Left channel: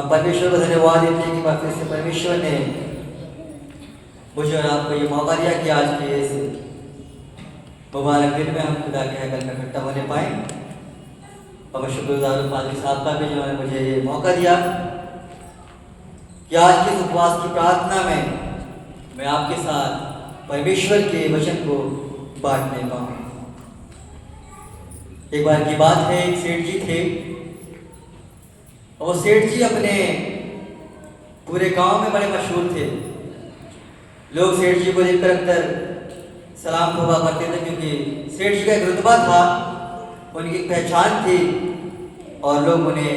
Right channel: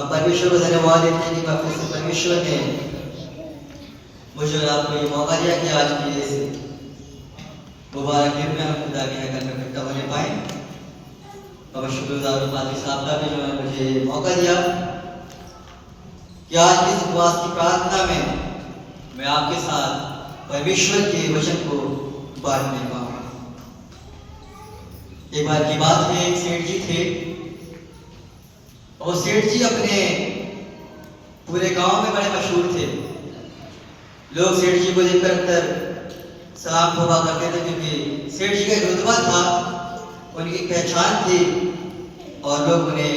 हम परमेश्वर को धन्यवाद देते हैं कि वापस से परमेश्वर ने मुझे और आपको ये मौका दिया कि आज की इस मुबारक दिन में हम खुदा के यहाँ घर में इकट्ठा होने पाए। और मैं शुक्रगुजार हूँ पादरी साहब का भी जिन्होंने मुझे ये मौका दिया कि आज की इस उपवास की प्रार्थना में मैं आपके साथ परमेश्वर के वचन को बांटने का। एक बार की बात है, एक सेठ जी थे और सेठ जी अपने पूरे गांव में बड़े मशहूर थे। लोग सेठ जी को देखकर अक्सर सलाम हुआ करते थे क्योंकि सेठ जी का एक रुतबा था, उनकी एक पहचान थी और लोग उन्हें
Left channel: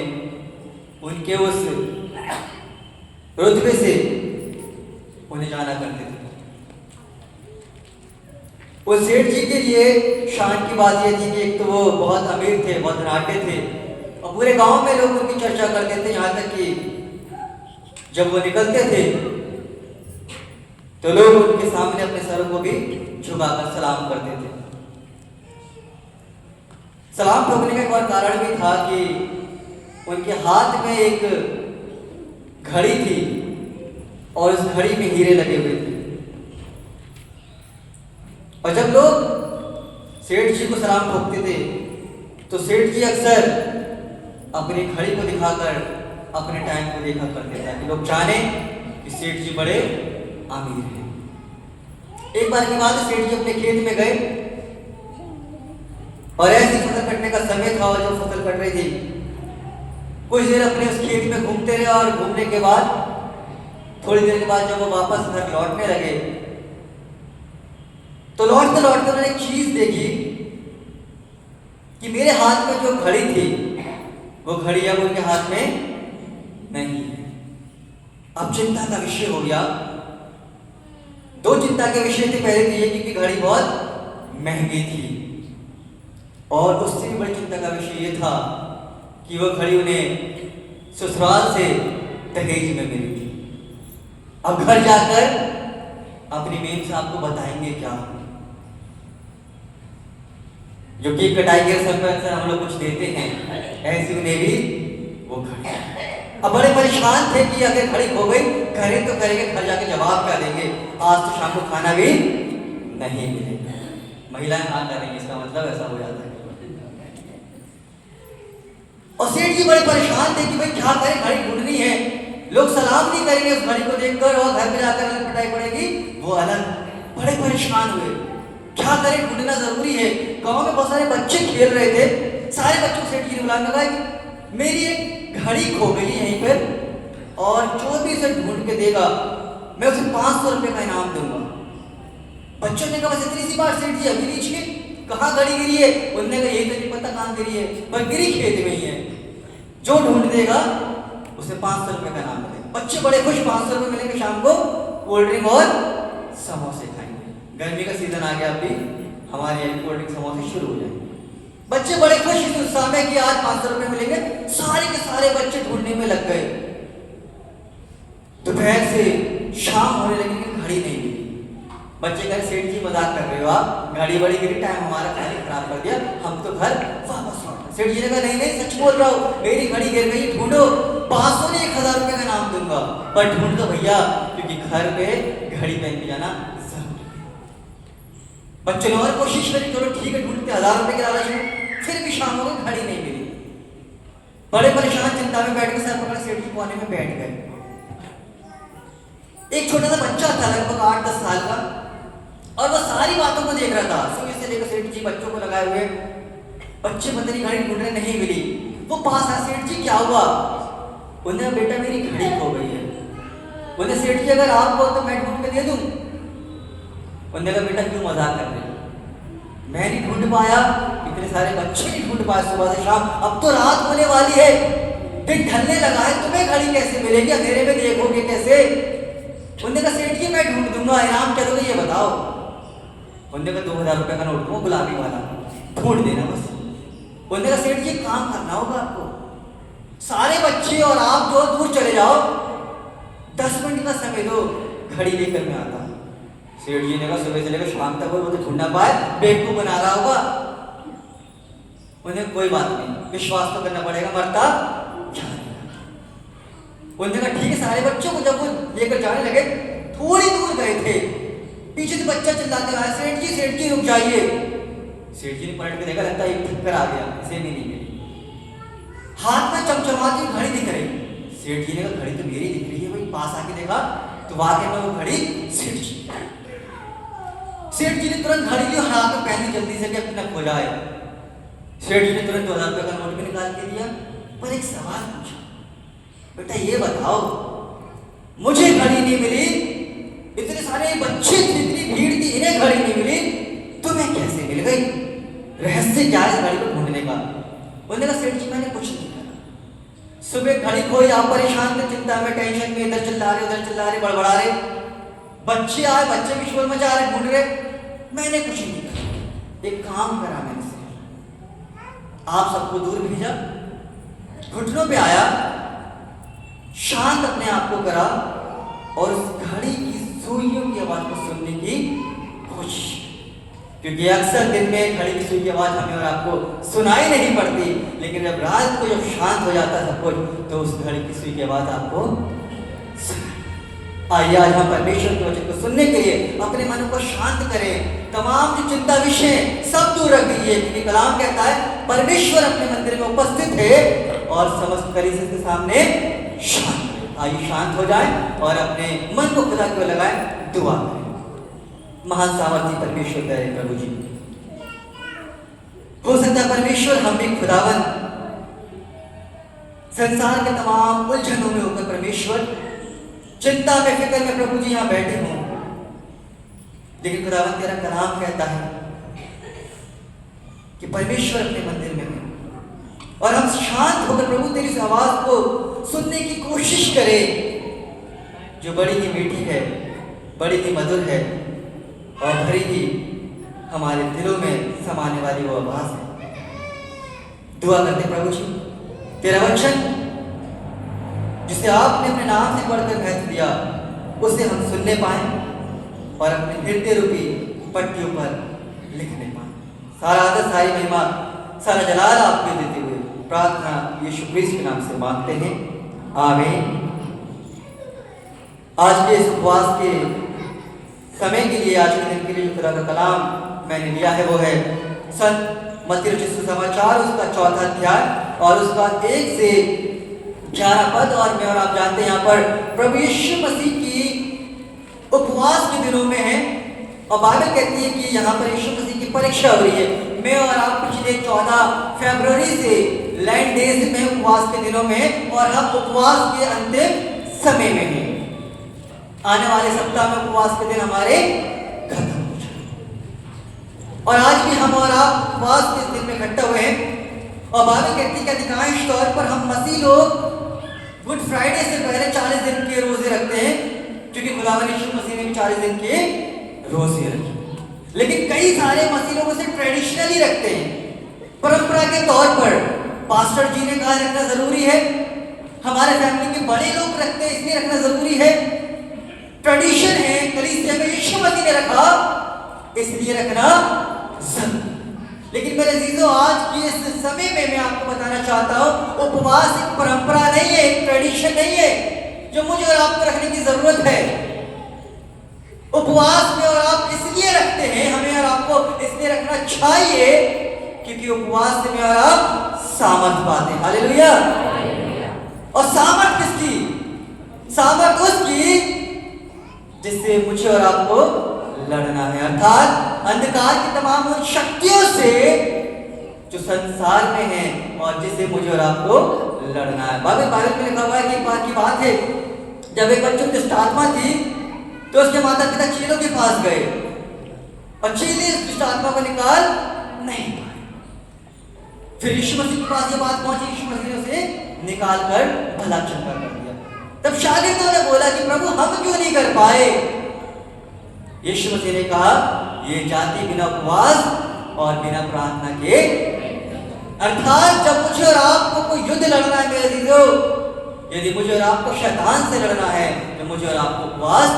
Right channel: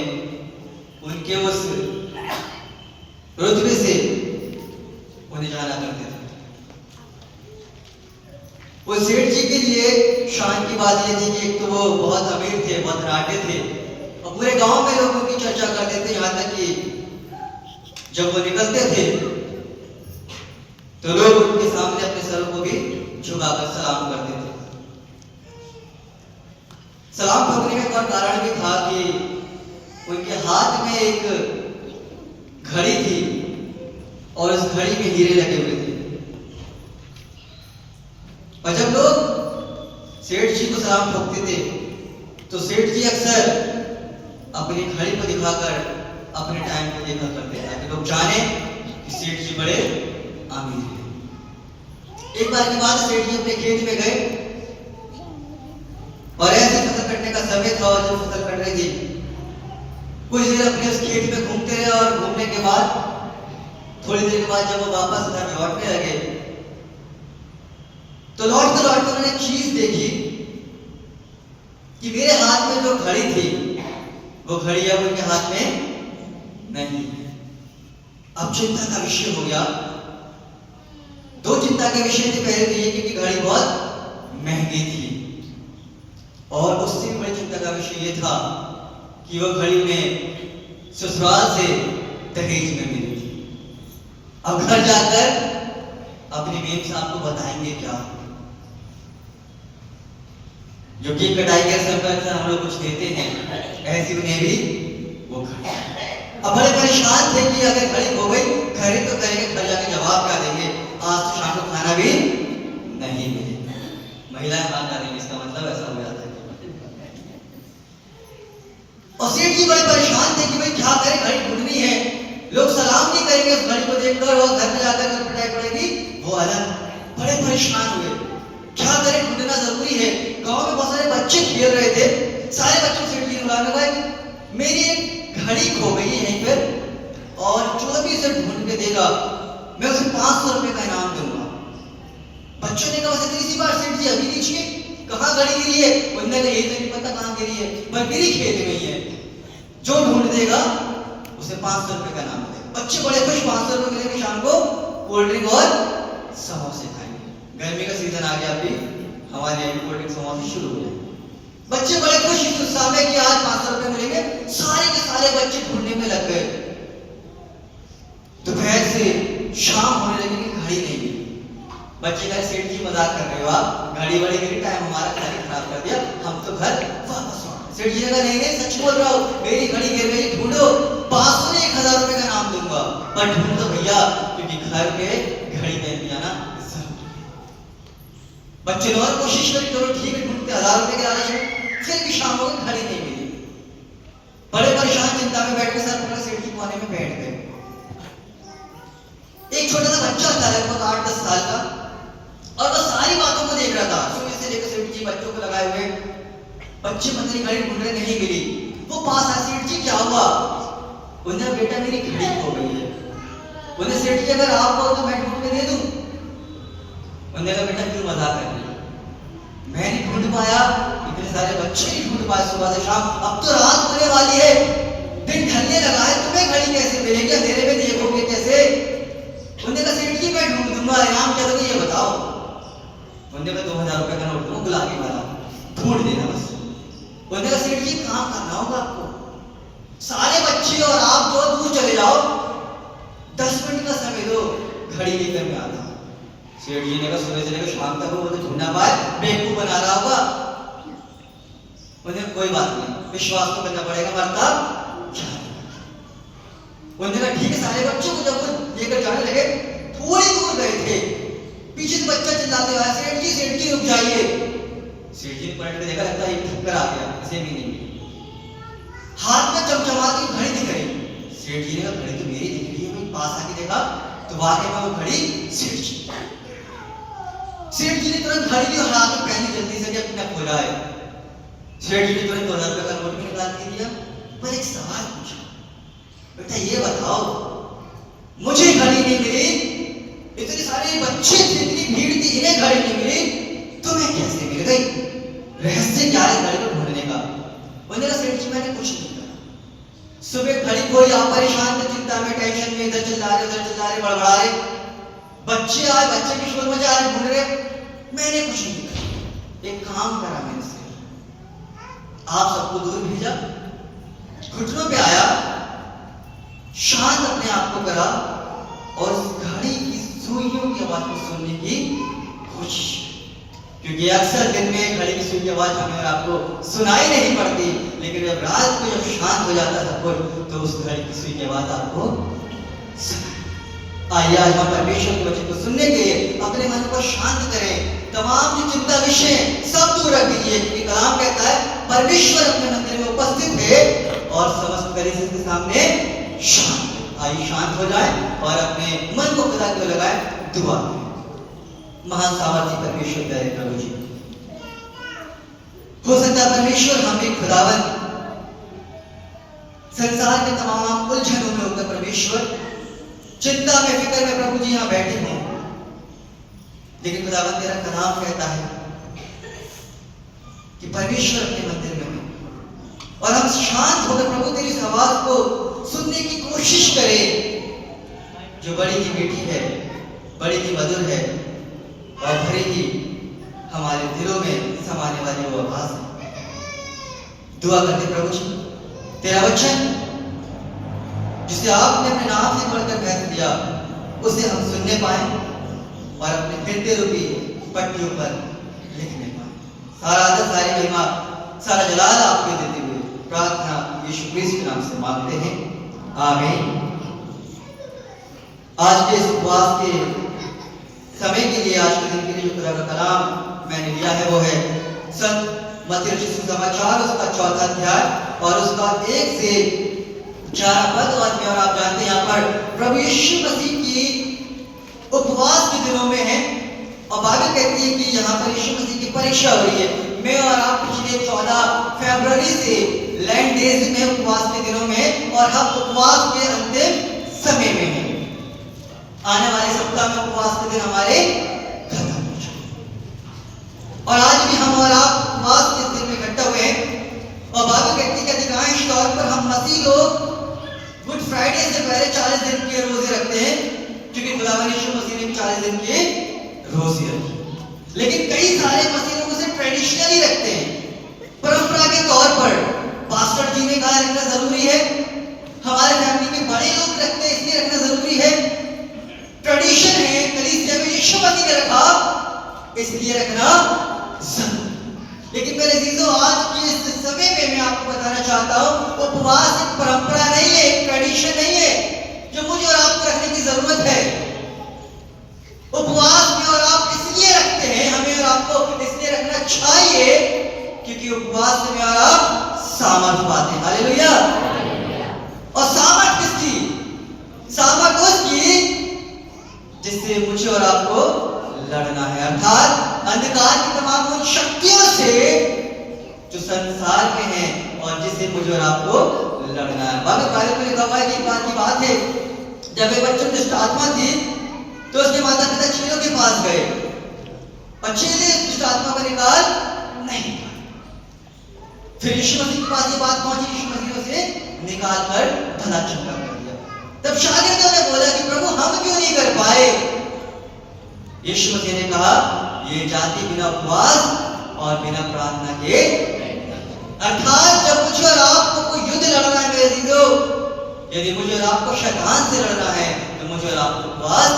उनके उस रुतबे से उन्हें जाना करते थे। उस सेठ जी के लिए शान की बात यह थी कि एक तो वो बहुत अमीर थे, बहुत धनाढ्य थे और पूरे गांव में लोग उनकी चर्चा करते थे। यहाँ तक कि जब वो निकलते थे तो लोग उनके सामने अपने सरों को भी झुकाकर सलाम करते थे। सलाम ठोकने का एक और कारण भी था कि उनके हाथ में एक घड़ी थी और उस घड़ी में हीरे लगे हुए थे। और जब लोग सेठ जी को सलाम ठोकते थे तो सेठ जी अक्सर अपनी घड़ी को दिखाकर अपने टाइम को देखा करते थे ताकि लोग जाने कि सेठ जी बड़े अमीर हैं। एक बार की बात, सेठ जी अपने खेत में गए और ऐसी फसल कटने का समय था और जब फसल कट रही थी कुछ देर अपने उस खेत में घूमते रहे और घूमने के बाद थोड़ी देर के बाद जब वो वापस घर लौटने लगे तो लौटते लौटते उन्होंने एक चीज देखी कि मेरे हाथ में जो घड़ी थी वो घड़ी अब उनके हाथ में नहीं। अब चिंता का विषय हो गया। दो चिंता के विषय थे। पहले तो ये कि घड़ी बहुत महंगी थी और उससे भी बड़ी चिंता का विषय ये था कि वो घड़ी उन्हें ससुराल से दहेज में मिली थी। अब घर जाकर अपनी मेम साहब को बताएंगे क्या। जो केक कटाई के समय पर हम लोग कुछ देते हैं, ऐसी उन्हें भी वो घड़ी। अब बड़े परेशान थे कि अगर घड़ी खो गई करें तो करेंगे, घर जाके जवाब क्या देंगे। आज तो शाम को खाना भी नहीं मिलेगा। महिलाएं हाथ डालेंगी, इसका मतलब ऐसा हो जाता है। और सेठ जी बड़े परेशान थे कि भाई क्या करें, घड़ी ढूंढनी है। लोग सलाम नहीं करेंगे उस घड़ी को देखकर और घर में जाकर पिटाई पड़ेगी, वो अलग। बड़े परेशान हुए, क्या करें, ढूंढना जरूरी है। गांव में बहुत सारे बच्चे खेल रहे थे। सारे बच्चों सेठ जी ने बुलाने लगा कि मेरी एक घड़ी खो गई है यहीं पर और जो भी इसे ढूंढ के देगा मैं उसे 500 रुपए का इनाम दूंगा। बच्चों ने कहा बस इतनी सी बात सेठ जी, अभी नीचे कहाँ घड़ी गिरी है? उन्होंने कहा ये तो नहीं पता कहाँ गिरी है, पर गिरी खेत में ही है। जो ढूंढ देगा उसे 500 रुपए का इनाम देगा। बच्चे बड़े खुश, 500 रुपए मिलेंगे, शाम को कोल्ड ड्रिंक और समोसे खाएंगे। गर्मी का सीजन आ गया, अभी हमारे यहाँ कोल्ड ड्रिंक समोसे शुरू हो जाएंगे। बच्चे बड़े खुश इस उत्साह में कि आज 500 रुपए मिलेंगे। सारे के सारे बच्चे ढूंढने में लग गए। दोपहर से शाम होने लगी कि घड़ी नहीं मिली। बच्चे कह सेठ जी मजाक कर रहे हो आप, घड़ी बड़ी गिरी, टाइम हमारा खाली खराब कर दिया, हम तो घर वापस लौटे। सेठ जी ने कहा नहीं नहीं, सच बोल रहा हूँ, मेरी घड़ी गिर गई, ढूंढो। 500 नहीं 1000 रुपए का नाम दूंगा, पर ढूंढ दो भैया, क्योंकि घर पे घड़ी पहन के जाना। बच्चों ने और कोशिश करी, चलो ठीक है ढूंढते, 1000 रुपए के लालच में। फिर भी शाम हो गई, घड़ी नहीं मिली। बड़े परेशान चिंता में बैठ के सर पकड़े सेठ जी कोने में बैठ गए। एक छोटा सा बच्चा था लगभग 8-10 साल का और वह सारी बातों को देख रहा था। सुबह से लेकर सेठ जी बच्चों को लगाए हुए, बच्चे पता नहीं घड़ी ढूंढ रहे, नहीं मिली। वो पास आया, सेठ जी क्या हुआ? उन्हें बेटा मेरी घड़ी खो गई है। उन्हें सेठ जी अगर आपको तो मैं ढूंढ के दे दूं। उन्होंने कहा बेटा क्यों मजाक कर रही है, मैं नहीं ढूंढ पाया, इतने सारे बच्चे नहीं ढूंढ पाए सुबह से शाम, अब तो रात होने वाली है, दिन ढलने लगा है, तुम्हें घड़ी कैसे मिलेगी, अंधेरे में देखोगे कैसे? उन्होंने कहा सेठ जी मैं ढूंढ दूंगा, इनाम क्या दोगे ये बताओ। उन्होंने कहा 2000 रुपए का नोट दूंगा, गुलाबी वाला, ढूंढ देना बस। उन्होंने कहा सेठ जी काम करना होगा आपको, सारे बच्चे और आप जो दूर चले जाओ, 10 मिनट का समय दो, घड़ी लेकर मैं आता हूँ। सेठ जी ने कहा सुबह से लेकर शाम तक वो ढूंढ ना पाए, बेवकूफ बना रहा होगा। उन्हें कोई बात नहीं, विश्वास तो करना पड़ेगा, मरता उन्होंने कहा ठीक है। सारे बच्चों को जब वो लेकर जाने लगे, थोड़ी दूर गए थे, पीछे से बच्चा चिल्लाते रहा, सेठ जी रुक जाइए। सेठ जी ने पलट के देखा, लगता है एक ठक्कर आ गया, इसे भी नहीं मिली। हाथ में चमचमाती घड़ी दिख रही। सेठ जी ने कहा घड़ी तो मेरी दिख रही है भाई। पास आके देखा तो वाकई में वो घड़ी सेठ जी। सेठ जी ने तुरंत घड़ी ली और हाथ में पहनी जल्दी से कि अपना खोला है। सेठ जी ने तुरंत 2000 रुपये का नोट भी निकाल के दिया, पर एक सवाल पूछा, बेटा ये बताओ, मुझे घड़ी नहीं मिली, इतने सारे बच्चे थे, इतनी भीड़ थी, इन्हें घड़ी नहीं मिली, तुम्हें कैसे मिल गई? रहस्य क्या है घड़ी को ढूंढने का? उन्होंने कहा सेठ जी मैंने कुछ नहीं करा। सुबह घड़ी खोई, आप परेशान थे, चिंता में, टेंशन में, इधर चिल्ला रहे, बड़बड़ा रहे। बच्चे आए, बच्चे की शोर मचा रहे, ढूंढ रहे, मैंने कुछ नहीं करा। एक काम करा मैंने, आप सबको दूर भेजा, घुटनों पे आया, शांत अपने आप को करा और उस घड़ी की सुइयों की आवाज को सुनने की कोशिश। क्योंकि अक्सर दिन में घड़ी की सुई की आवाज हमें और आपको सुनाई नहीं पड़ती, लेकिन जब रात को जब शांत हो जाता है सब कुछ, तो उस घड़ी की सुई की आवाज आपको सुनाई। आइए आज हम परमेश्वर के वचन को सुनने के लिए अपने मन को शांत करें, तमाम जो चिंता विषय सब दूर रख दीजिए, क्योंकि कलाम कहता है परमेश्वर अपने मंदिर में उपस्थित है और समस्त कलीसिया के सामने शांत है। आइए शांत हो जाए और अपने मन को खुदा को लगाए, दुआ करें। महान सामर्थी परमेश्वर प्यारे प्रभु जी, हो सकता है परमेश्वर हम भी खुदावन संसार के तमाम उलझनों में होकर परमेश्वर चिंता में, फिक्र में प्रभु जी यहां बैठे हों, लेकिन खुदावन तेरा कलाम कहता है कि परमेश्वर अपने मंदिर में है और हम शांत होकर प्रभु तेरी आवाज को सुनने की कोशिश करें, जो बड़ी ही मीठी है, बड़ी ही मधुर है और भरी ही हमारे दिलों में समाने वाली वो आवाज है। दुआ करते प्रभु जी, तेरा वचन जिसे आपने अपने नाम से पढ़कर महत्व दिया, उसे हम सुनने पाए और अपने हृदय रूपी पट्टियों पर लिखने पाए। सारा आदर, सारी महिमा, सारा जलाल आपके देते हुए प्रार्थना यीशु क्रिस्त के नाम से मांगते हैं, आमीन। आज के इस उपवास के समय के लिए, आज के दिन के लिए जो खुदा का कलाम मैंने लिया है वो है संत मत्ती रचित सुसमाचार, उसका 4वां अध्याय और उसका 1 से 11 पद। और मैं और आप जानते हैं यहाँ पर प्रभु यीशु मसीह की उपवास के दिनों में है और बाइबल कहती है कि यहाँ पर यीशु मसीह की परीक्षा हो रही है। मैं और आप पिछले 14 फरवरी से लैंड डेज में उपवास के दिनों में और हम उपवास के अंतिम समय में हैं। आने वाले सप्ताह में उपवास के दिन हमारे खत्म हो जाए और आज भी हम और आप उपवास के दिन में इकट्ठा हुए हैं और बाइबल कहती है कि अधिकांश तौर पर हम मसीह लोग गुड फ्राइडे से पहले 40 दिन के रोजे रखते हैं, क्योंकि खुदावन यीशु मसीह ने भी 40 दिन के रोजे रखे। लेकिन कई सारे मसीह लोग उसे ट्रेडिशनली रखते हैं, परंपरा के तौर पर। पास्टर जी ने कहा रखना जरूरी है, हमारे फैमिली के बड़े लोग रखते हैं इसलिए रखना जरूरी है, ट्रेडिशन है, कलीसिया में यीशु मसीह ने रखा इसलिए रखना जरूरी। लेकिन मेरे अजीजों, आज के इस समय में मैं आपको बताना चाहता हूं, उपवास एक परंपरा नहीं है, एक ट्रेडिशन नहीं है जो मुझे और आपको रखने की जरूरत है। उपवास में और आप इसलिए रखते हैं, हमें और आपको इसलिए रखना चाहिए क्योंकि उपवास से में और आप सामर्थ पाते हैं। हालेलुया। और सामर्थ किसकी? सामर्थ उसकी जिससे मुझे और आपको लड़ना है, अर्थात अंधकार की तमाम उन शक्तियों से जो संसार में है और जिससे मुझे और आपको लड़ना है। बाइबल में लिखा हुआ है कि एक बार की बात है, जब एक बच्चे में दुष्ट आत्मा थी तो उसके माता पिता चेलों के पास गए और चेले दुष्ट आत्मा को निकाल नहीं पाए। फिर यीशु मसीह के पास ये बात पहुंची, यीशु मसीह ने उसे निकाल कर भला चंगा कर दिया। तब शागिर्दों ने बोला कि प्रभु हम क्यों नहीं कर पाए? यीशु मसीह ने कहा, ये जाति बिना उपवास और बिना प्रार्थना के, अर्थात जब मुझे और आपको कोई युद्ध लड़ना है मेरे अजीजों, यदि मुझे और आपको शैतान से लड़ना है तो मुझे और आपको उपवास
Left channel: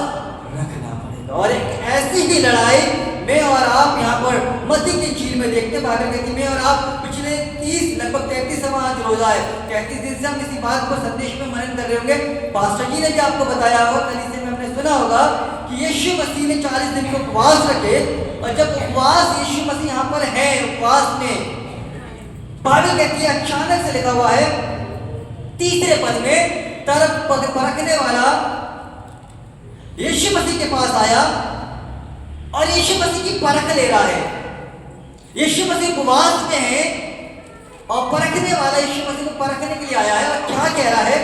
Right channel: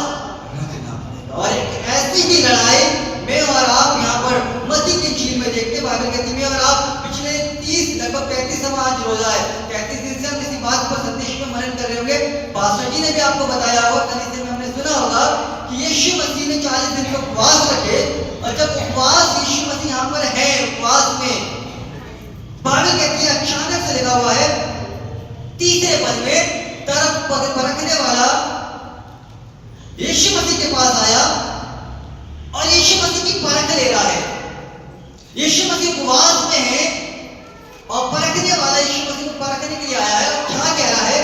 रखना पड़ेगा। और एक ऐसी ही लड़ाई मैं और आप यहाँ पर मसीह की चीज में देखते हैं। बाइबल कहती है मैं और आप पिछले 30 लगभग 33वां आज रोजा है, 33 दिन से हम किसी बात पर संदेश में मनन कर रहे होंगे पास्टर जी ने भी आपको बताया होगा, कलीसिया में हमने सुना होगा कि यीशु मसीह ने 40 दिन के उपवास रखे। और जब उपवास यीशु मसीह यहाँ पर है, उपवास में बाइबल कहती है, अचानक से लिखा हुआ है तीसरे पद में, तरफ परखने वाला यीशु मसीह के पास आया और यीशु मसीह की परख ले रहा है। यीशु मसीह उपवास में है और परखने वाला यीशु मसीह को परखने के लिए आया है। और क्या कह रहा है?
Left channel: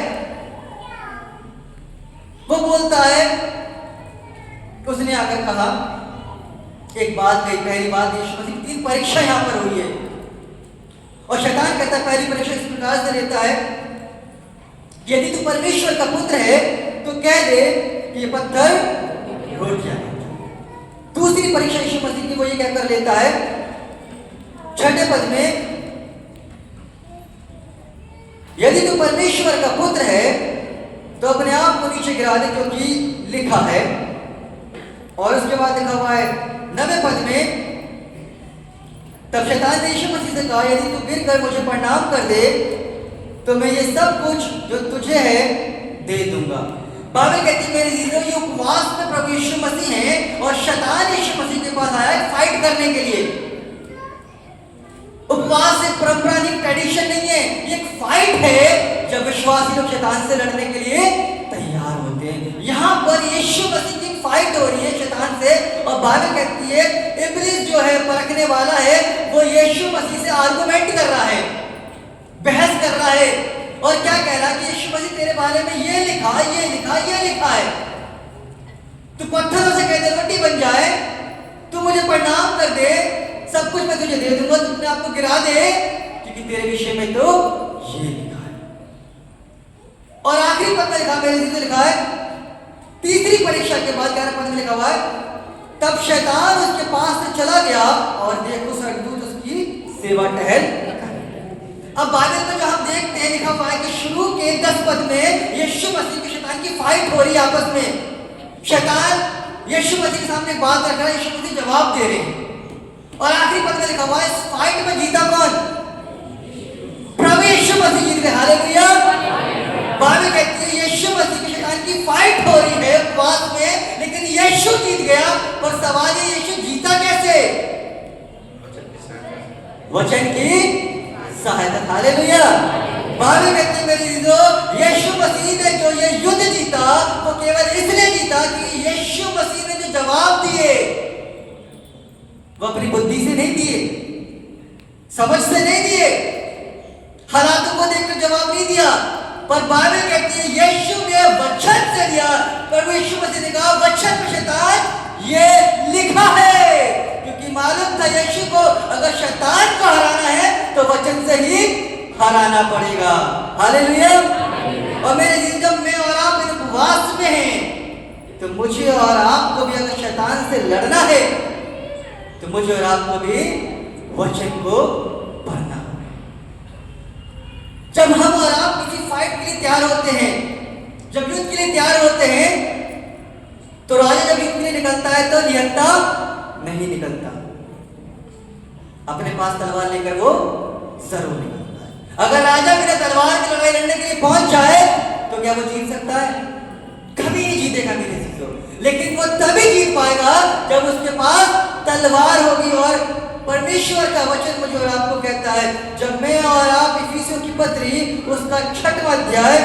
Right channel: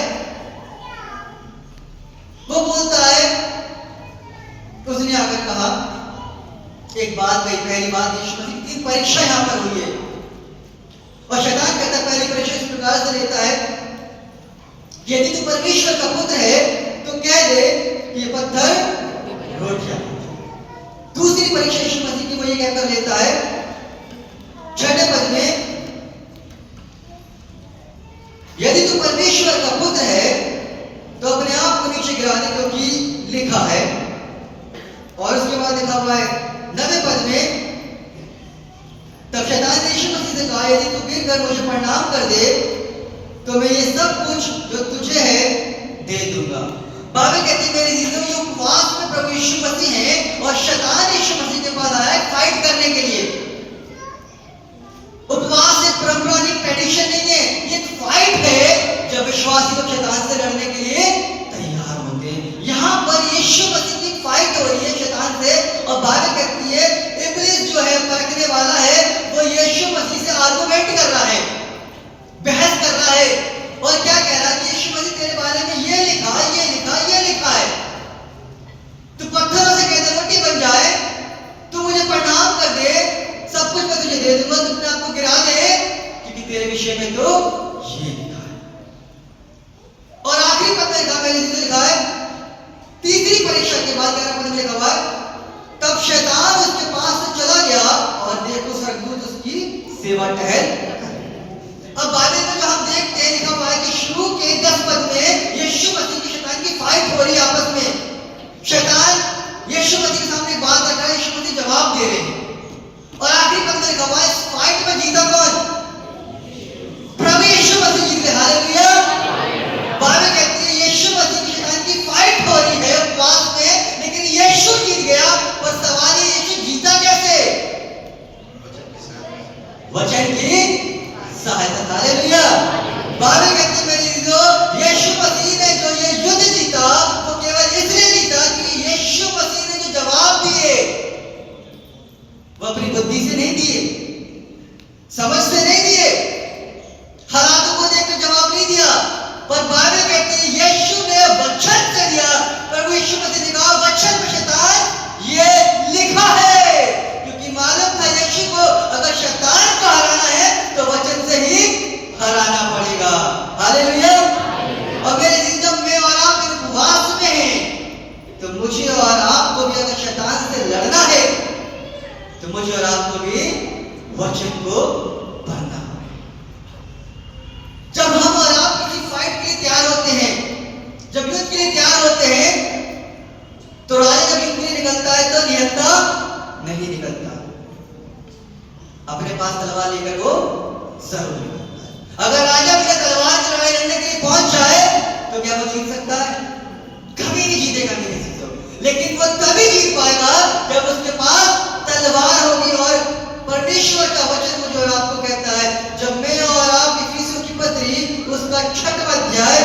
वो बोलता है, उसने आकर कहा एक बात कही। पहली बात, यीशु मसीह की 3 परीक्षा यहां पर हुई है और शैतान कहता है पहली परीक्षा इस प्रकार से लेता है, यदि तू परमेश्वर का पुत्र है तो कह दे कि ये पत्थर रोटियां। दूसरी परीक्षा यीशु मसीह की वो ये कहकर लेता है 6वें पद में, यदि तू परमेश्वर का पुत्र है तो अपने आप को नीचे गिरा दे, क्योंकि लिखा है। और उसके बाद लिखा हुआ है 9वें पद में, तब शैतान ने यीशु मसीह से कहा, यदि तू गिर कर मुझे प्रणाम कर दे तो मैं ये सब कुछ जो तुझे है दे दूंगा। बाइबल कहती है मेरे जीजों, ये उपवास में प्रभु यीशु मसीह है और शैतान यीशु मसीह के पास आया फाइट करने के लिए। उपवास एक परंपरा नहीं, ट्रेडिशन नहीं है, ये एक फाइट है जब विश्वासी लोग शैतान से लड़ने के लिए तैयार होते हैं। यहां पर यीशु मसीह की फाइट हो रही है शैतान से। और बाइबल कहती है इब्लीस जो है परखने वाला है, वो यीशु मसीह से आर्गुमेंट कर रहा है, बहस कर रहा है। और क्या कह रहा है कि यीशु मसीह तेरे बारे में ये लिखा, ये लिखा, ये लिखा है, तू पत्थरों से कहते रोटी बन जाए, तू मुझे प्रणाम कर दे, सब कुछ मैं तुझे दे दूंगा, तू अपने आप को गिरा दे, क्योंकि तेरे विषय में तो ये लिखा है। और आखिरी पद में लिखा, पहले से लिखा है, तीसरी परीक्षा के बाद 11वें पद में लिखा हुआ है, तब शैतान उसके पास से चला गया और देखो स्वर्गदूत उसकी सेवा टहल। अब बाइबल में जो हम देखते हैं लिखा हुआ है कि शुरू के 10 पद में यीशु मसीह की शैतान की फाइट हो रही है आपस में। शैतान यीशु मसीह के सामने बात रख रहा है, यीशु मसीह जवाब दे रहे हैं। और आखिरी पद में लिखा हुआ है इस फाइट में जीता कौन? प्रभु यीशु मसीह जीत गए। हालेलुया। बाइबल कहती है यीशु मसीह की शैतान की फाइट हो रही है उपवास में, लेकिन यीशु जीत गया। और सवाल है यीशु जीता कैसे? वचन की सहायता। हालेलुया। बाइबल कहती है मेरे जीजो, यीशु मसीह ने जो ये युद्ध जीता वो केवल इसलिए जीता कि यीशु मसीह ने जो जवाब दिए वो अपनी बुद्धि से नहीं दिए, समझ से नहीं दिए, हालातों को देखकर जवाब नहीं दिया, पर बाइबल कहती है यीशु ने वचन से दिया। प्रभु यीशु मसीह ने कहा वचन में शैतान ये लिखा है, क्योंकि मालूम था यीशु को अगर शैतान को हराना है तो वचन से ही हराना पड़ेगा। हालेलुया। और मेरे जीवन जब मैं और आप उपवास में हैं तो मुझे और आपको भी अगर शैतान से लड़ना है तो मुझे और आपको भी वचन को पढ़ना है। जब हम और आप किसी फाइट के लिए तैयार होते हैं, जब युद्ध के लिए तैयार होते हैं, तो राजा जब युद्ध के लिए निकलता है तो निहत्था नहीं निकलता, अपने पास तलवार लेकर वो जरूर निकलता है। अगर राजा बिना तलवार की लड़ाई लड़ने के लिए पहुंच जाए तो क्या वो जीत सकता है? कभी नहीं जीतेगा मेरे जीतो। लेकिन वो तभी जीत पाएगा जब उसके पास तलवार होगी। और परमेश्वर का वचन मुझे और आपको कहता है, जब मैं और आप इफिसियों की पत्री उसका 6वां अध्याय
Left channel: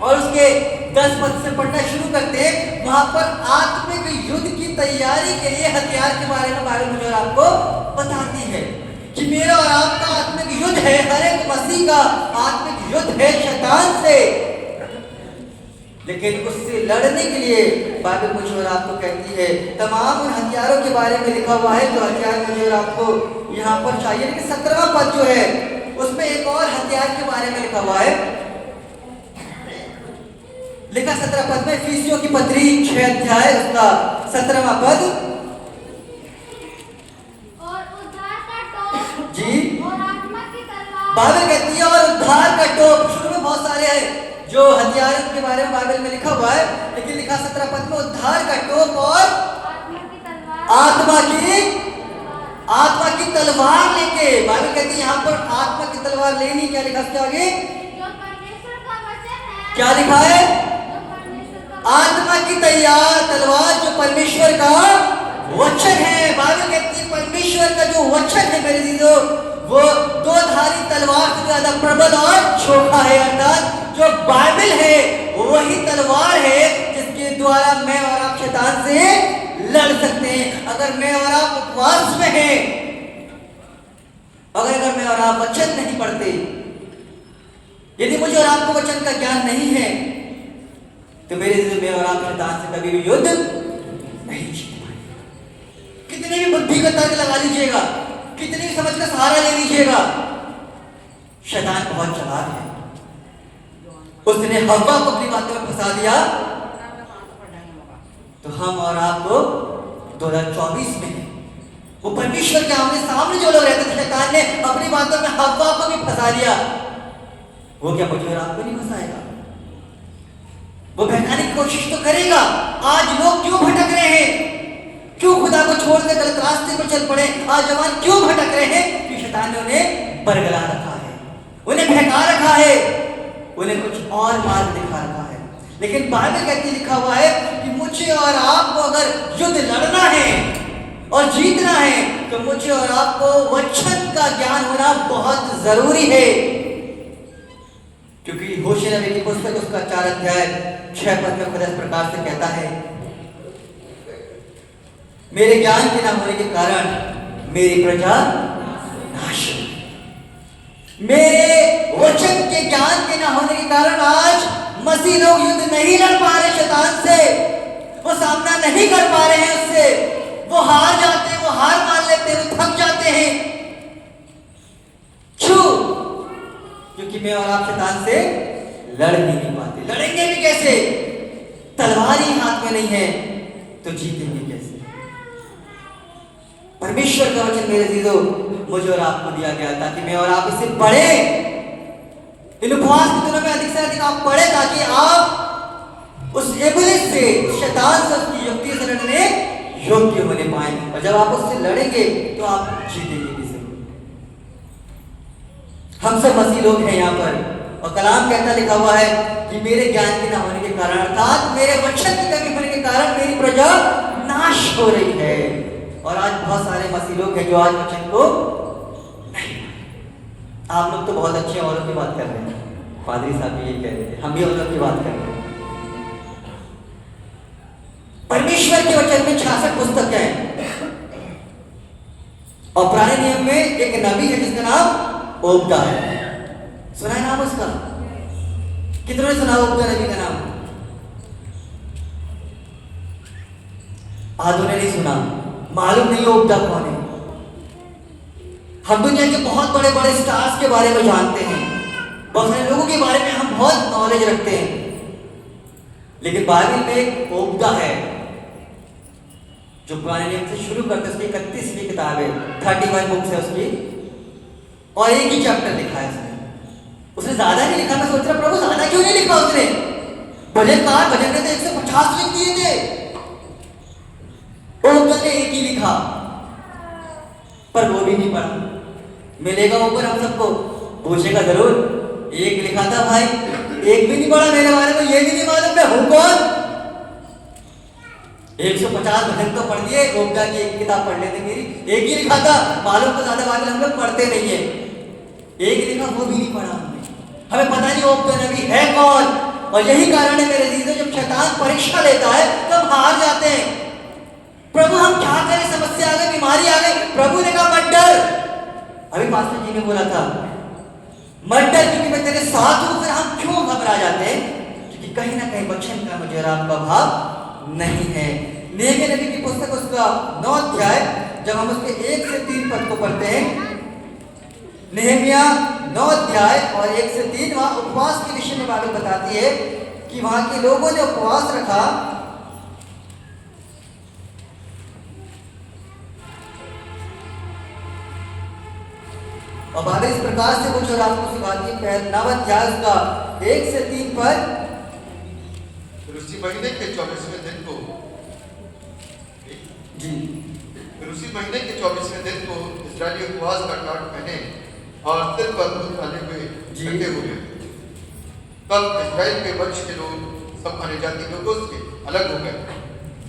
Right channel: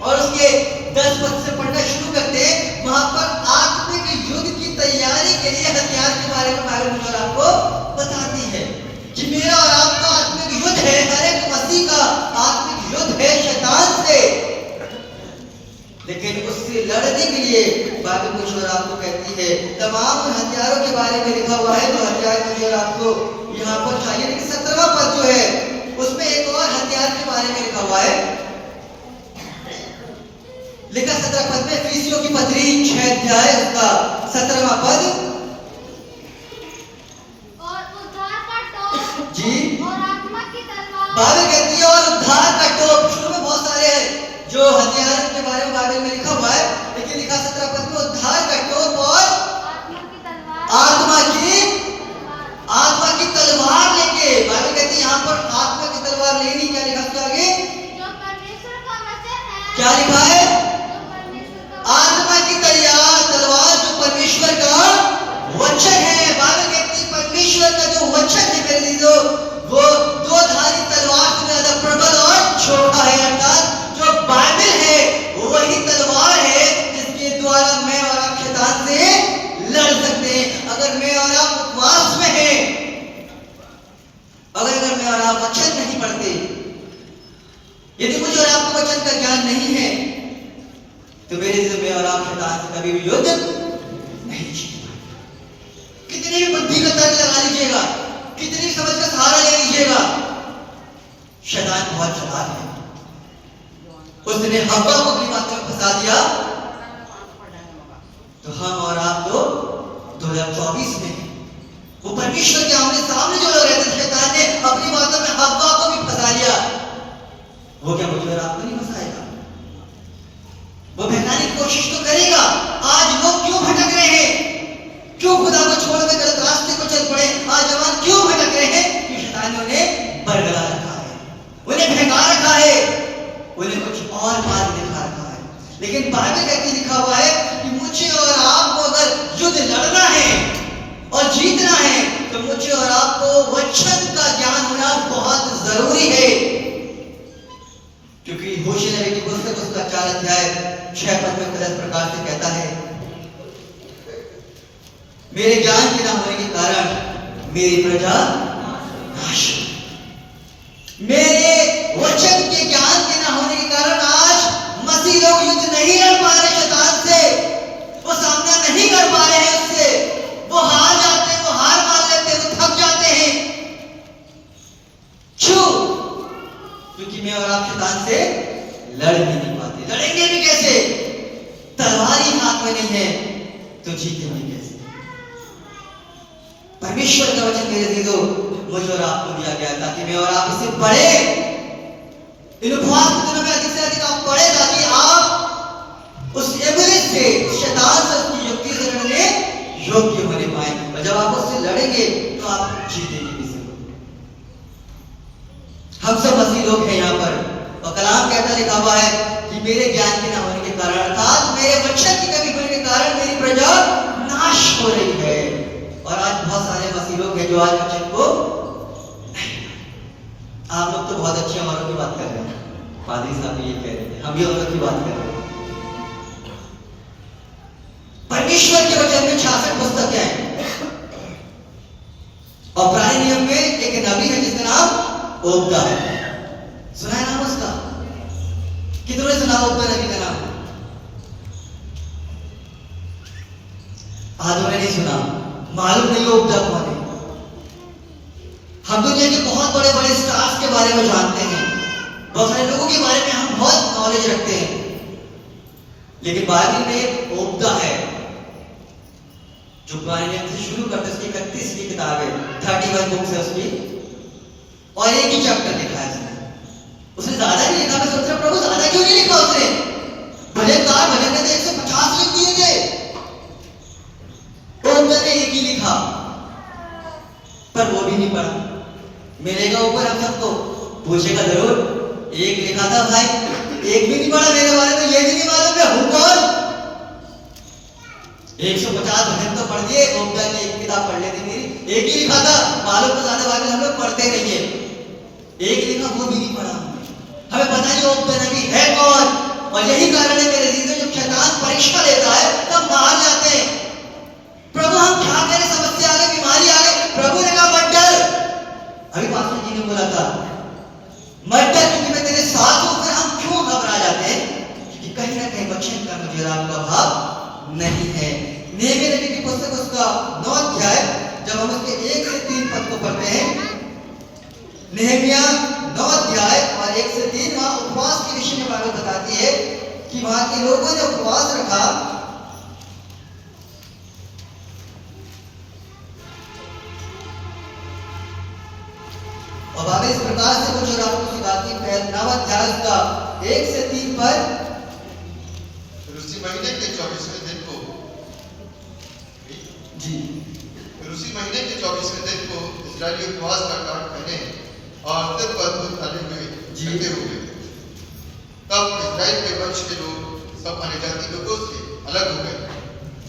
और उसके 10 पद से पढ़ना शुरू करते हैं, वहां पर आत्मिक युद्ध की तैयारी के लिए हथियार के बारे में बाइबल मुझे और आपको बताती है कि मेरा और आपका आत्मिक युद्ध है, हर एक मसीह का आत्मिक युद्ध है शैतान से। लेकिन उससे लड़ने के लिए बाइबल मुझे और आपको कहती है तमाम उन हथियारों के बारे में लिखा हुआ है जो हथियार मुझे और आपको यहाँ पर चाहिए। लेकिन 17वां पद जो है उसमें एक और हथियार के बारे में लिखा हुआ है। लिखा 17 पद में, इफिसियों की पत्री 6 अध्याय उसका 17वां पद, और उद्धार का टोप जी और आत्मा की तलवार। बाइबल कहती है और उद्धार का टोप। शुरू में बहुत सारे हैं जो हथियार के बारे में बाइबल में लिखा हुआ है, लेकिन लिखा 17 पद में उद्धार का टोप और आत्मा की तलवार। आत्मा की तलवार लेके। बाइबल कहती है यहाँ पर आत्मा की तलवार लेनी। क्या लिखा उसके आगे? जो परमेश्वर का वचन है। क्या लिखा है? आत्मा की तैयार तलवार जो परमेश्वर का वचन है। बाइबल कहती है परमेश्वर का जो वचन है मेरे दीदो, वो दो धारी तलवार से ज्यादा प्रबल और छोटा है। अर्थात जो बाइबल है वही तलवार है जिसके द्वारा मैं और आप शैतान से लड़ सकते हैं। अगर मैं और आप उपवास में हैं, अगर मैं और आप वचन नहीं पढ़ते, यदि मुझे और आपको वचन का ज्ञान नहीं है, तो मेरे से मैं और आप शैतान से कभी भी युद्ध नहीं जीत पाएंगे। कितनी भी बुद्धि का तर्क लगा लीजिएगा, कितनी भी समझ का सहारा ले लीजिएगा, शैतान बहुत चालाक है। उसने हव्वा को अपनी बातों में फंसा दिया, तो हम और आप तो 2024 में हैं। वो परमेश्वर के आमने सामने जो लोग रहते थे, शैतान ने अपनी बातों में हव्वा को भी फंसा लिया। वो क्या मुझे और आपको नहीं फंसाएगा? वो बहकाने की कोशिश तो करेगा। आज लोग क्यों भटक रहे हैं? क्यों खुदा को छोड़कर गलत रास्ते पर चल पड़े? आज जवान क्यों भटक रहे हैं? क्योंकि शैतान ने उन्हें बरगला रखा है, उन्हें बहका रखा है, उन्हें कुछ और मार्ग दिखा रखा है। लेकिन बाइबल कहती लिखा हुआ है कि मुझे और आपको अगर युद्ध लड़ना है और जीतना है, तो मुझे और आपको वचन का ज्ञान होना बहुत जरूरी है। क्योंकि होशे नबी की पुस्तक उसका 4 अध्याय 6 पद में खुदा इस प्रकार से कहता है, मेरे ज्ञान के न होने के कारण मेरी प्रजा नाश हुई। मेरे वचन के ज्ञान के न होने के कारण आज मसीह लोग युद्ध नहीं लड़ पा रहे शैतान से, वो सामना नहीं कर पा रहे हैं उससे, वो हार जाते हैं, वो हार मान लेते हैं, वो थक जाते हैं। क्यों? क्योंकि मैं और आप शैतान से लड़ भी नहीं पाते। लड़ेंगे भी कैसे? तलवार ही हाथ में नहीं है तो जीतेंगे कैसे? परमेश्वर का वचन मेरे दीदो मुझे और आपको दिया गया ताकि मैं और आप इसे पढ़े। इन उपवास के दिनों में अधिक से अधिक आप पढ़े, ताकि आप उस इब्लिस से, शैतान से, उसकी युक्ति से लड़ने योग्य होने पाए। और जब आप उससे लड़ेंगे तो आप जीतेंगे भी जरूर। हम सब मसीह लोग हैं यहाँ पर, और कलाम कहता लिखा हुआ है कि मेरे ज्ञान के न होने के कारण, अर्थात मेरे वचन की कमी होने के कारण मेरी प्रजा नाश हो रही है। और आज बहुत सारे मसीह लोग हैं जो आज वचन को नहीं। आप लोग तो बहुत अच्छे औरों की बात कर रहे हैं, पादरी साहब भी ये कह रहे थे, हम भी औरों की बात कर रहे हैं। परमेश्वर के वचन में 66 पुस्तक है, और पुराने नियम में एक नबी है जिसका नाम ओबदा है। सुना है नाम उसका? कितनों ने सुना ओबदा नबी का नाम? आधों ने नहीं सुना, मालूम नहीं ओबदा कौन है। हम दुनिया के बहुत बड़े बड़े स्टार्स के बारे में जानते हैं, बहुत सारे लोगों के बारे में हम बहुत नॉलेज रखते हैं, लेकिन बाइबल में ओबदा है जो पुराने नियम से शुरू करते, उसकी 31वीं किताब है, 31 बुक्स है उसकी, और एक ही चैप्टर लिखा है उसने ज्यादा नहीं लिखा। मैं सोच रहा प्रभु ज्यादा क्यों नहीं लिखा उसने? भजनकार भजन ने तो 150 लिख दिए थे, ओबदा ने एक ही लिखा, पर वो भी नहीं पढ़ा। मिलेगा ऊपर हम सबको, पूछेगा जरूर, एक लिखा था भाई, एक भी नहीं पढ़ा, मेरे बारे में ये भी नहीं मालूम मैं हूं कौन। 150 भजन तो पढ़ दिए, ओबदा की एक किताब पढ़ लेते मेरी, एक ही लिखा था, मालूम तो ज्यादा बात हम लोग पढ़ते नहीं है, एक लिखा वो भी नहीं पढ़ा। हमें पता नहीं ओबदा नबी है कौन। और यही कारण है मेरे जीवन, जब शैतान परीक्षा लेता है तो हम हार जाते हैं। प्रभु हम क्या करें, समस्या आ गई, बीमारी आ गई, प्रभु ने कहा मत डर। अभी पास्टर जी ने बोला था मत डर क्योंकि मैं तेरे साथ हूं। फिर हम क्यों घबरा जाते हैं? क्योंकि कहीं ना कहीं वचन का मुझे आपका भाव नहीं है। नेहमिया नबी की पुस्तक उसका 9 अध्याय, जब हम उसके 1 से 3 पद को पढ़ते हैं, नेहमिया 9 अध्याय और 1 से 3, वहां उपवास के विषय में बाइबल बताती है कि वहां के लोगों ने उपवास रखा और बाइबल इस प्रकार से कुछ और आपको सिखाती है। 9 अध्याय उसका 1 से 3 पद, उसी महीने के 24वें दिन को जी, उसी महीने के 24वें दिन को इस्राएली उपवास का काट पहने और सिर पर दूध डाले हुए जीते हुए। तब इस्राएल के वंश के लोग सब अन्य जाति लोगों से अलग हो गए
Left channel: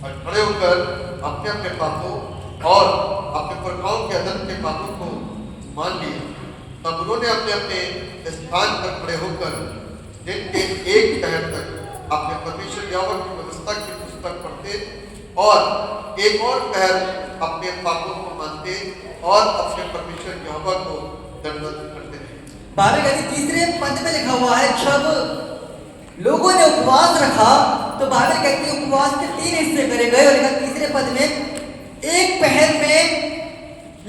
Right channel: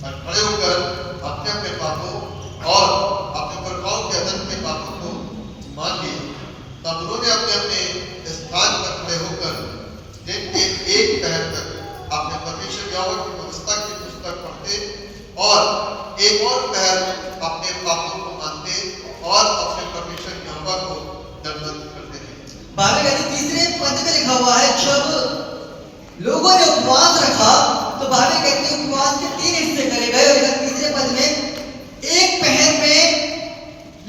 और खड़े होकर अपने अपने पापों और अपने पुरखाओं के अदन के पापों को मान लिए। तब उन्होंने अपने अपने स्थान पर खड़े होकर दिन के एक पहर तक अपने परमेश्वर यहोवा की व्यवस्था की पुस्तक पढ़ते और एक और पहर अपने पापों को मानते और अपने परमेश्वर यहोवा को दंडवत करते रहे। बाइबल कहती तीसरे पद में लिखा हुआ है, जब लोगों ने उपवास रखा तो बाइबल कहती है उपवास के 3 हिस्से करे गए और तीसरे पद में एक पहर में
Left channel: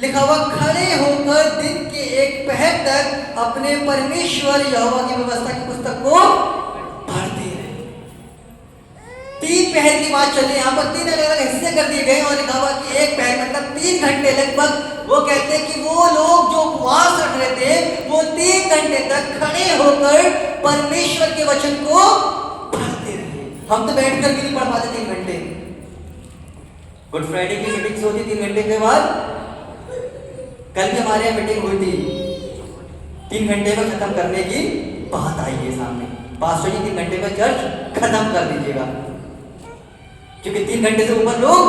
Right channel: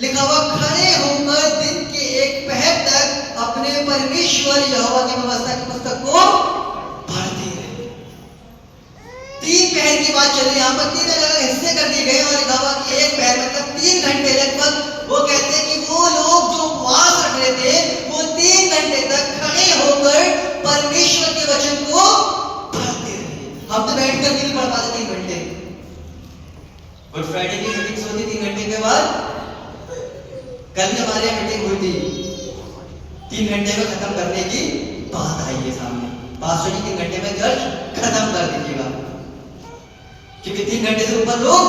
लिखा हुआ खड़े होकर दिन के एक पहर तक अपने परमेश्वर यहोवा की व्यवस्था की पुस्तक को पढ़ते रहे। 3 पहर की बात चल रही है, यहाँ पर 3 अलग अलग हिस्से कर दिए गए और लिखा हुआ कि एक पहर मतलब 3 घंटे लगभग। वो कहते हैं कि वो लोग जो उपवास रख रहे थे वो 3 घंटे तक खड़े होकर परमेश्वर के वचन को पढ़ते रहे। हम तो बैठकर भी नहीं पढ़ पाते 3 घंटे। गुड फ्राइडे की मीटिंग होती 3 घंटे के बाद। कल भी हमारे यहाँ मीटिंग हुई थी, 3 घंटे में खत्म करने की बात आई है सामने। पास्टर जी 3 घंटे में चर्च खत्म कर दीजिएगा, क्योंकि 3 घंटे से ऊपर लोग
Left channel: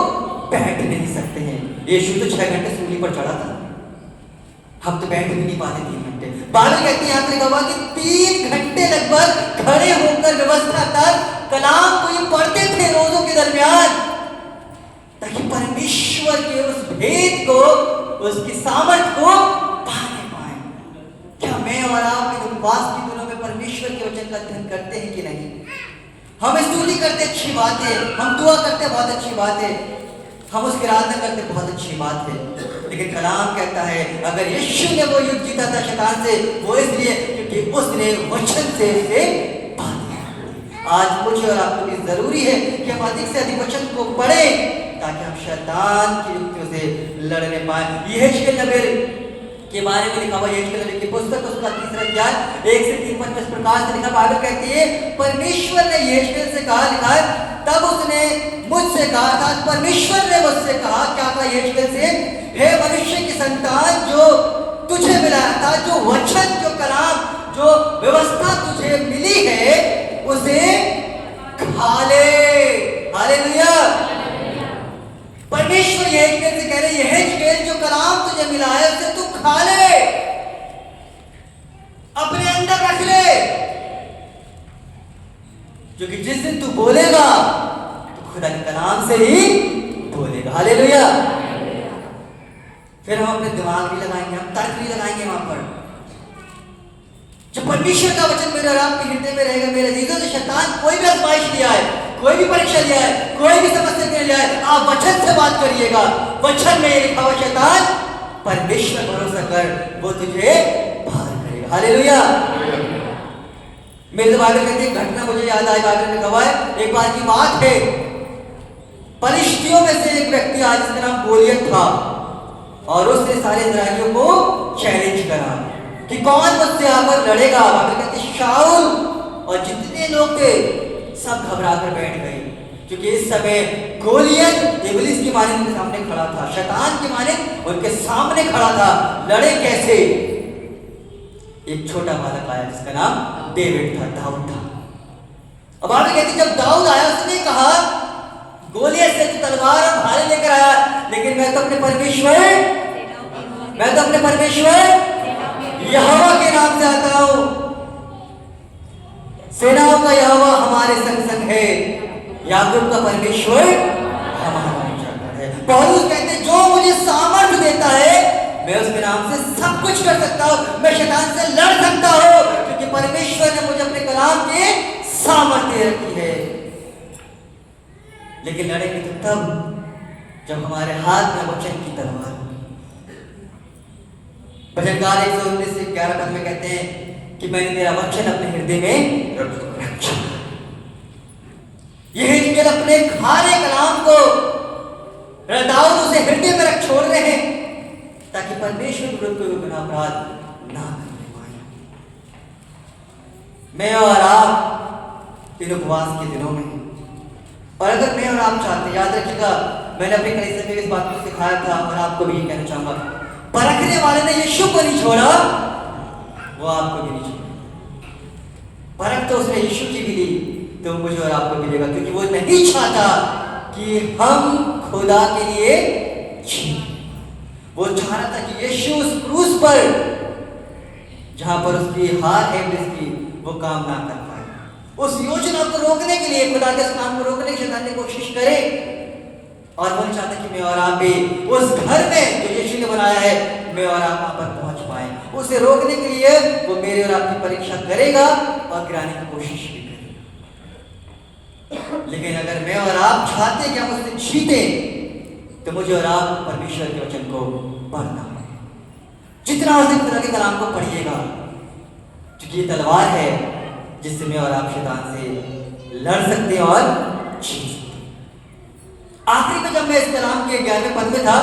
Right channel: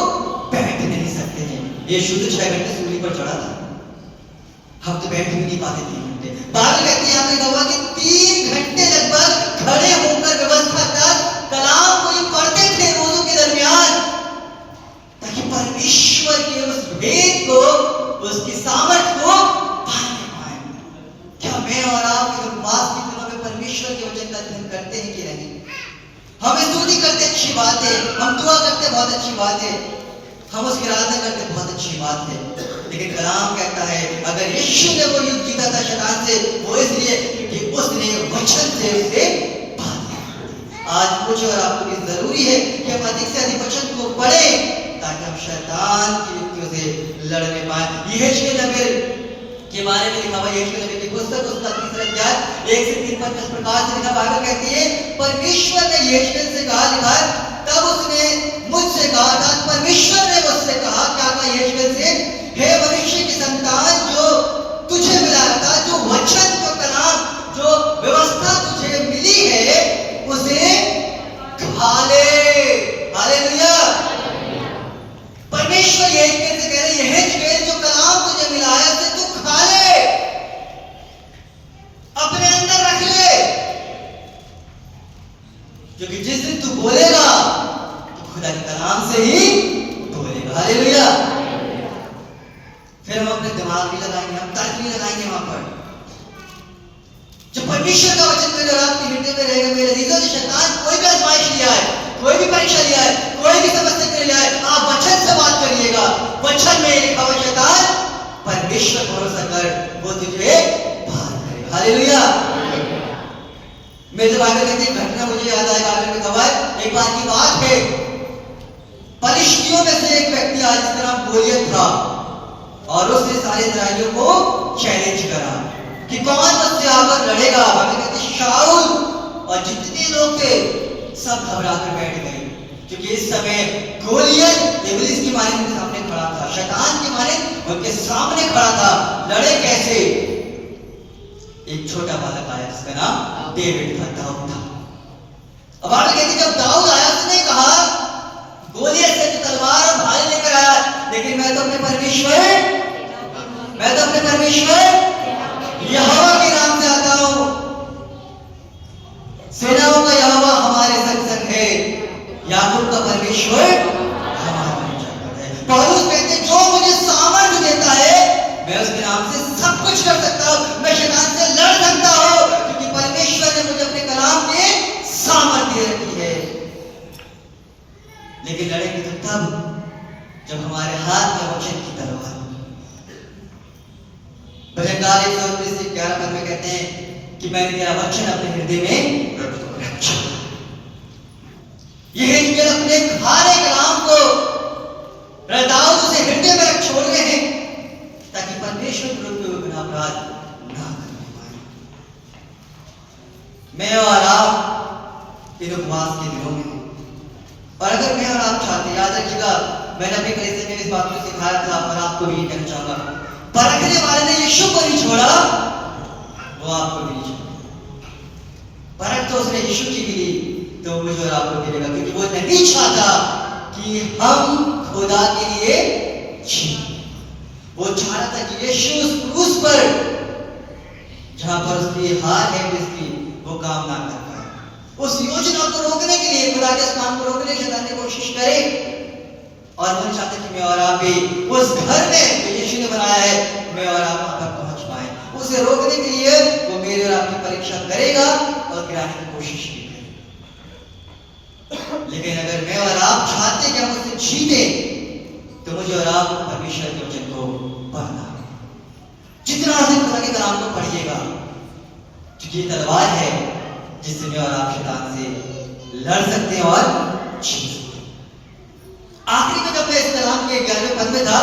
बैठ नहीं सकते हैं। यीशु तो 6 घंटे सूली पर चढ़ा था, हम तो बैठ भी नहीं पाते 3 घंटे। बाइबल कहती है यहाँ पे गवाह कि 3 घंटे लगभग खड़े होकर व्यवस्था तक कलाम को ये पढ़ते थे रोजों के दरमियान, ताकि परमेश्वर के उस भेद को, उसकी सामर्थ को पाने पाए। क्या मैं और आप इस उपवास के दिनों में परमेश्वर के वचन का अध्ययन करते हैं कि नहीं? हम स्तुति करते अच्छी बात है, हम दुआ करते बहुत अच्छी बात है, हम उसकी आराधना करते बहुत अच्छी बात है, लेकिन कलाम कहता है अगर यीशु ने वो युद्ध जीता था शैतान से, वो इसलिए क्योंकि उसने वचन से उसे बांधा। आज मुझे और आपको भी जरूरी है कि हम अधिक से अधिक वचन को पढ़ें ताकि हम शैतान की युक्तियों से लड़ने पाए। यहेजकेल नबी के बारे में लिखा हुआ यहेजकेल नबी की पुस्तक उसका 3 अध्याय 1 से 3 पद में इस प्रकार से लिखा। बाइबल कहती है परमेश्वर ने यहेजकेल से कहा, लिखा है तब उसने मुझसे कहा था, परमेश्वर ने मुझसे कहा, क्या कहा यहेजकेल से, हे मनुष्य की संतान, जो तुझे मिला था, जो वचन, जो कलाम, जो व्यवस्था तुझे मिली है उसे खा ले। हालेलुया। परमेश्वर यहेजकेल से कह रहे, यहेजकेल जो कलाम तुझे मिला है उसे तू खा ले, अपने अंदर रख ले, क्योंकि जिस दिन तू बोलेगा तो खुदा के कलाम से ही बोलेगा। हालेलुया। फिर हम अपने दिमाग भी लगाएंगे, हम तर्क भी लगाएंगे वहां पर। जब परमेश्वर का वचन मेरे आपके हृदय में रहेगा मेरे अजीजों, तो शैतान कोई भी आजमाइश लिया है, कोई भी परीक्षा लिया है, कोई भी समस्या के लिए लिया है, आप वचन से बात करिएगा। वचन में लिखा हुआ शैतान परमेश्वर भरोसा कर, वो तुझे पार करेगा। हालेलुया। मेरे बाइबल कहते हैं घटना मुझे याद आएगा, ने कहा है एक बार की बात है, फलिश्तियों में से एक व्यक्ति आज जिसका नाम गोलियत था और उसने सारे इस्राएलियों को चैलेंज करा कि कौन मुझसे आकर लड़ेगा। बाइबल कहती है शाऊल और जितने लोग थे सब घबरा कर बैठ गए, क्योंकि इस समय गोलियत इब्लिस की माने उनके सामने खड़ा था, शैतान की माने उनके सामने खड़ा था। लड़े कैसे? एक छोटा बालक आया जिसका नाम डेविड था, दाऊद था। अब बाइबल कहती जब दाऊद आया उसने कहा गोलियत से तलवार और भाले लेकर आया, लेकिन मैं तो अपने परमेश्वर यहोवा के नाम से आता हूं। सेनाओं का यहोवा हमारे संग संग है, याकूब का परमेश्वर हमारा ऊंचा है। पौलुस कहते जो मुझे सामर्थ्य देता है मैं उसके नाम से सब कुछ कर सकता हूं, मैं शैतान से लड़ सकता हूं, क्योंकि परमेश्वर ने मुझे अपने कलाम के सामर्थ्य रखी है। लेकिन लड़ेंगे तो तब जब हमारे हाथ में वचन की तलवार होगी। भजनकार 119 से 11 पद में कहते हैं कि मैंने तेरा वचन अपने हृदय में रखा। यहेजकेल अपने खाने कलाम को दाऊद उसे हृदय में रख छोड़ रहे हैं ताकि परमेश्वर विरुद्ध कोई गुनाह अपराध ना करने पाए। मैं और आप इन उपवास के दिनों में, और अगर मैं और आप चाहते, याद रखिएगा मैंने अपने कलीसिया में इस बात को सिखाया था और आपको भी कहना चाहूंगा, परखने वाले ने यीशु को नहीं छोड़ा, वो आपको भी नहीं छोड़ा। परख तो उसने यीशु की भी ली, तो मुझे और आपको मिलेगा, क्योंकि वो नहीं चाहता कि हम खुदा के लिए जिएं। वो चाह रहा था कि यीशु उस क्रूस पर जहां पर उसकी हार है जिसकी वो काम ना कर पाए, उस योजना को रोकने के लिए, खुदा के इस काम को रोकने की शैतान ने कोशिश करे। और वो चाहता कि मैं और आप भी उस घर में जो यीशु ने बनाया है, मैं और आप वहां पर पहुंच पाए। उसे रोकने के लिए वो मेरे और आपकी परीक्षा करेगा और गिराने की कोशिश भी करेगा। लेकिन अगर मैं और आप चाहते कि हम उससे जीते, तो मुझे और आप परमेश्वर के वचन को पढ़ना है। जितना अधिक खुदा के कलाम को पढ़िएगा, क्योंकि ये तलवार है जिससे मैं और आप शैतान से लड़ सकते हैं और जीत सकते हैं। आखिरी में जब मैं इस कलाम के 11वें पद में था,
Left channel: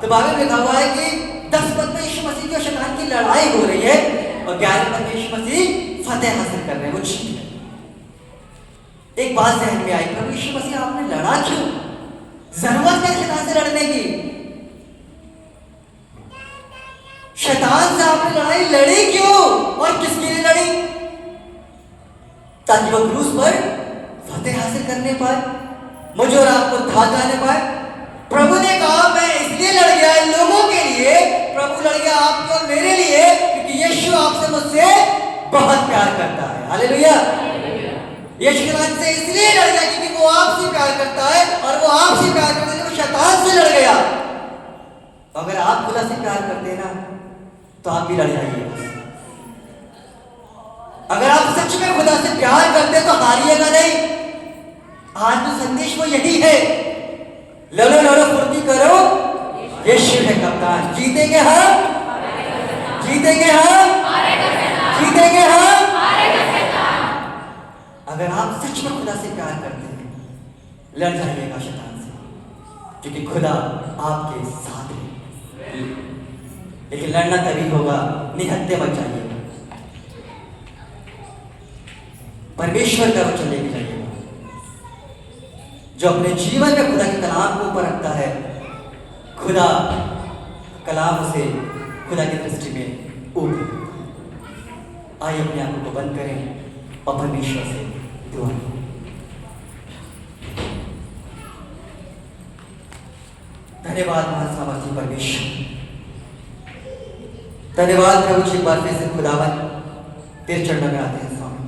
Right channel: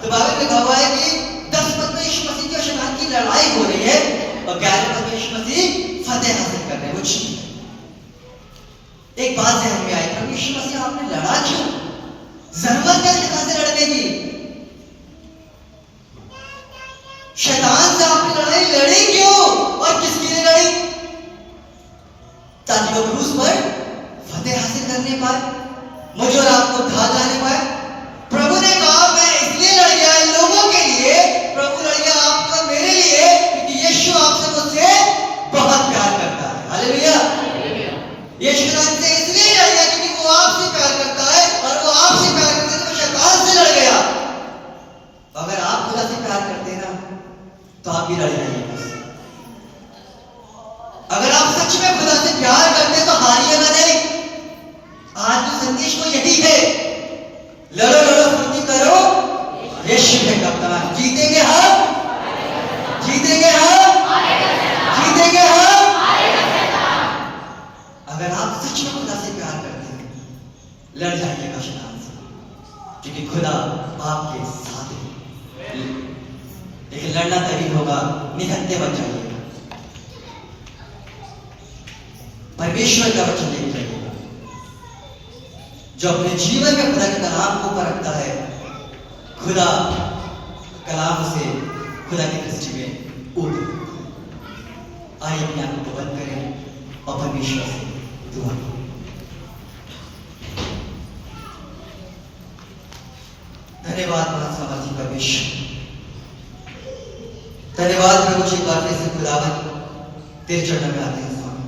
तो बाइबल में लिखा हुआ है कि 10 पद में यीशु मसीह और शैतान की लड़ाई हो रही है, और 11वें पद में यीशु मसीह फतेह हासिल कर रहे हैं, वो जीत रहे हैं। एक बात ध्यान में आई, प्रभु यीशु मसीह आपने लड़ा क्यों? जरूरत है शैतान से लड़ने की? शैतान से आपने लड़ाई लड़ी क्यों और किसके लिए लड़ी? ताकि वो क्रूस पर फतेह हासिल करने पाए, मुझे और आपको धार लाने पाए। प्रभु ने कहा मैं इसलिए लड़ गया इन लोगों के लिए, प्रभु लड़ गया आपके और मेरे लिए, क्योंकि यीशु आपसे मुझसे बहुत प्यार करता है। हालेलुया। यीशु शैतान से इसलिए लड़ गया क्योंकि वो आपसे प्यार करता है, और वो आपसे प्यार करता है तो शैतान से लड़ गया। अगर आप खुदा से प्यार करते हैं ना, तो आप भी लड़ जाइए। अगर आप सच में खुदा से प्यार करते हैं तो हारिएगा नहीं। आज तो संदेश वो यही है, लड़ो लड़ो फुर्ती करो, यीशु है कप्तान। जीतेंगे हम, जीतेंगे हम, जीतेंगे हम। अगर आप सच में खुदा से प्यार करते हैं, लड़ जाइएगा शैतान से, क्योंकि खुदा आपके साथ है। लेकिन लड़ना तभी होगा, निहत्थे बच जाइएगा, परमेश्वर का वचन लेके जाइएगा। जो अपने जीवन में खुदा के कलाम को ऊपर रखता है, खुदा कलाम उसे खुदा की दृष्टि में ऊपर रखता है। आइए अपने आंखों को बंद करें और परमेश्वर से दुआ करें। धन्यवाद महासामर्थी परमेश्वर, धन्यवाद प्रभु जी, बार फिर से खुदावन तेरे चरणों में आते हैं स्वामी।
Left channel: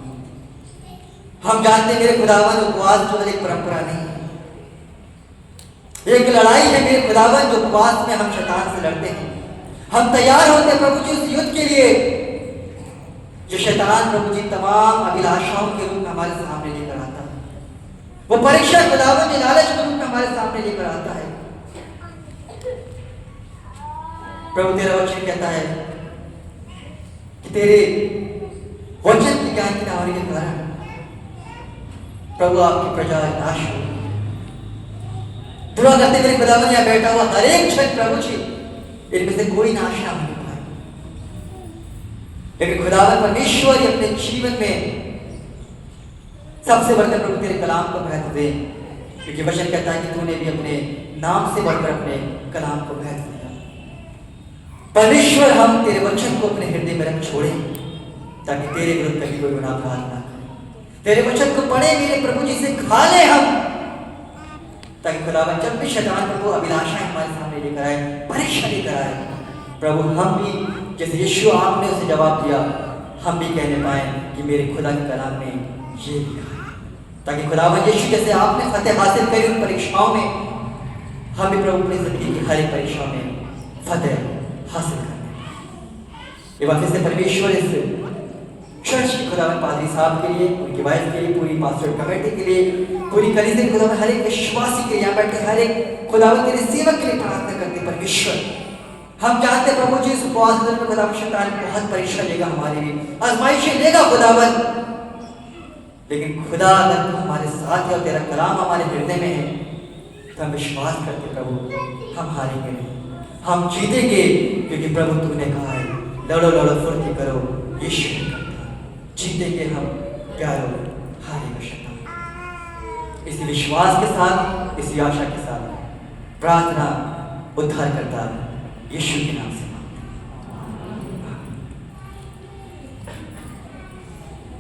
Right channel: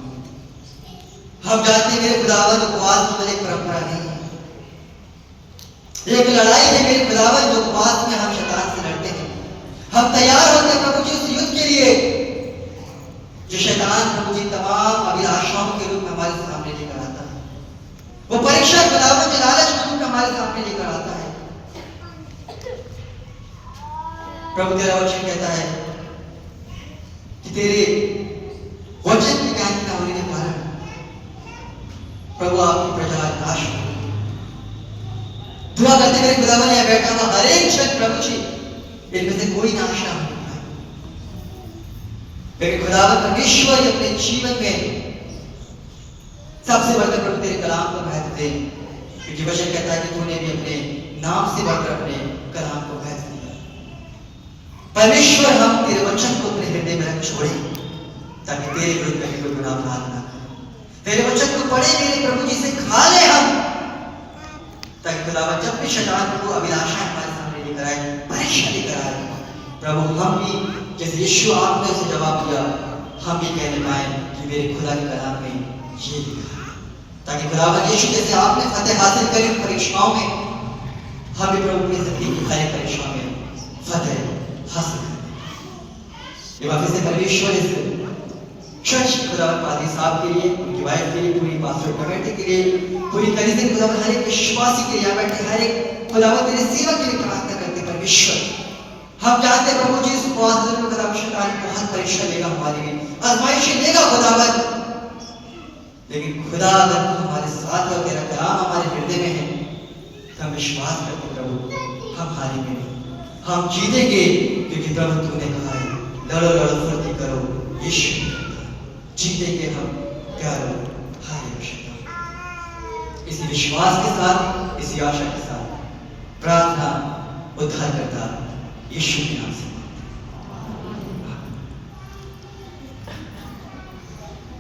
हम जानते हैं मेरे खुदावन उपवास केवल एक परंपरा नहीं है, एक लड़ाई है मेरे खुदावन, जो उपवास में हम शैतान से लड़ते हैं। हम तैयार होते हैं प्रभु जी उस युद्ध के लिए जो शैतान प्रभु जी तमाम अभिलाषाओं के रूप में हमारे सामने लेकर आता है। वो परीक्षा खुदावन जो लालच के रूप में हमारे सामने लेकर आता है। प्रभु तेरा वचन कहता है कि तेरे वचन की ज्ञान की न होने के कारण प्रभु आपकी प्रजा नाश हो। दुआ करते मेरे खुदावन यहाँ बैठा हुआ हर एक जन प्रभु जी इनमें से कोई नाश ना होने पाए, लेकिन खुदावन परमेश्वर अपने जीवन में सबसे बढ़कर प्रभु तेरे कलाम को महत्व दे, क्योंकि वचन कहता है कि तूने भी अपने नाम से बढ़कर अपने कलाम को महत्व दिया। परमेश्वर हम तेरे वचन को अपने हृदय में रख छोड़े, ताकि तेरे विरुद्ध कभी कोई गुनाह अपराध ना करे। तेरे वचन को पढ़े मेरे प्रभु जी से खा ले हम, ताकि खुदावन जब भी शैतान प्रभु अभिलाषाएं हमारे सामने लेकर आए, परीक्षा लेकर आए, प्रभु हम भी जैसे यीशु आपने उसे जवाब दिया, हम भी कहने पाए कि मेरे खुदा के कलाम में ये लिखा है, ताकि खुदावन यीशु जैसे आपने फतेह हासिल करी उन परीक्षाओं में, हम भी प्रभु अपनी जिंदगी की हर एक परीक्षा में फतेह हासिल करें। ये वापस से परमेश्वर इस चर्च की खुदावन पादरी साहब के लिए, उनकी वाइफ के लिए, पूरी पास्टर कमेटी के लिए, पूरी कलीसिया के खुदावन हर एक विश्वासी के लिए, यहाँ बैठे हर एक खुदावन के लिए सेवक के लिए प्रार्थना करते परमेश्वर। हम जानते हैं प्रभु जी इस उपवास में खुदावन शैतान बहुत परीक्षा लेगा, हमारी भी आजमाइशें लेगा खुदावन, लेकिन खुदा अगर तू हमारे साथ है और तेरा कलाम हमारे हृदय में है, तो हम विश्वास करते प्रभु हम हारेंगे नहीं, हम जीतेंगे, क्योंकि प्रभु तूने कहा है लड़ो लड़ो फुर्ती करो, यीशु जीतेंगे हम, प्यारो हारेंगे शैतान। इसी विश्वास के साथ, इसी आशा के साथ प्रार्थना उद्धार करता यीशु के नाम से।